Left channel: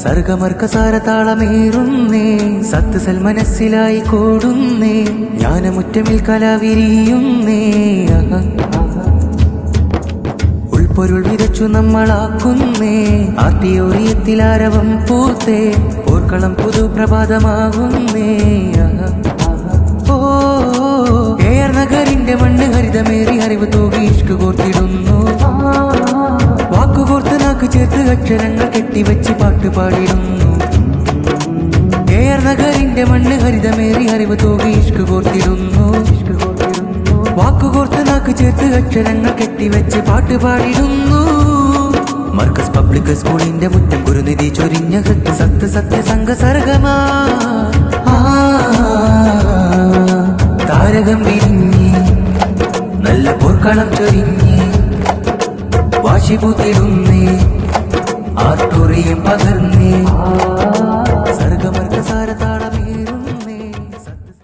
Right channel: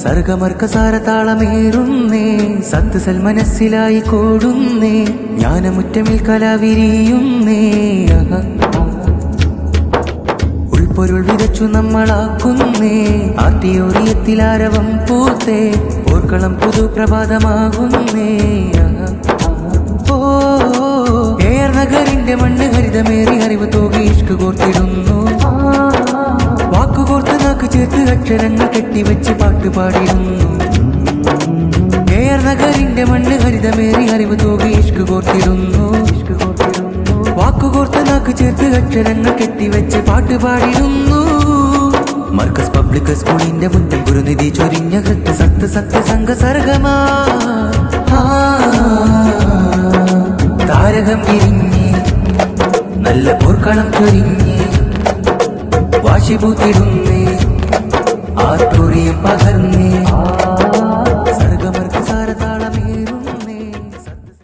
സർഗമർക്കസാര താളമേറുന്നേ സത്ത് മനസ്സിലായി കൂടുന്നേ ജ്ഞാനമുറ്റമിൽ കലാവിരിയുന്നേ ഉൾപ്പൊരുൾ വിതച്ചു നമ്മളാക്കുന്നേ ആർട്ടിയോറിയത്തിലാരവം പൂത്തേ പോർക്കളം പുതുപ്രഭാതമാകുന്നേ എയർ നഗറിന്റെ മണ്ണ് ഹരിതമേറി അറിവ് തൂകി ഇഷ്ക് കോർത്തിടുന്നു വാക്കുകോർത്ത് നാക്ക് ചേർത്ത് അക്ഷരങ്ങൾ കെട്ടിവെച്ച് പാട്ടുപാടിടുന്നു എയർ നഗറിന്റെ മണ്ണ് ഹരിതമേറി അറിവ് തൂകി ഇഷ്ക് കോർത്തിടുന്നു വാക്കുകോർത്ത് നാക്ക് ചേർത്ത് അക്ഷരങ്ങൾ കെട്ടിവെച്ച് പാട്ടുപാടിടുന്നു മർക്കസ് പബ്ലിക് സ്കൂളിന്റെ മുറ്റം ഗുരുനിധി ചൊരിഞ്ഞ ഹൃത്ത് സത്യസംഘ സർഗമാ താരകം വിരിഞ്ഞ് നല്ല പോർക്കളം ചൊരിഞ്ഞ് വാശിപൂത്തിടുന്നേ ആർട്ടോറിയം പകർന്നേ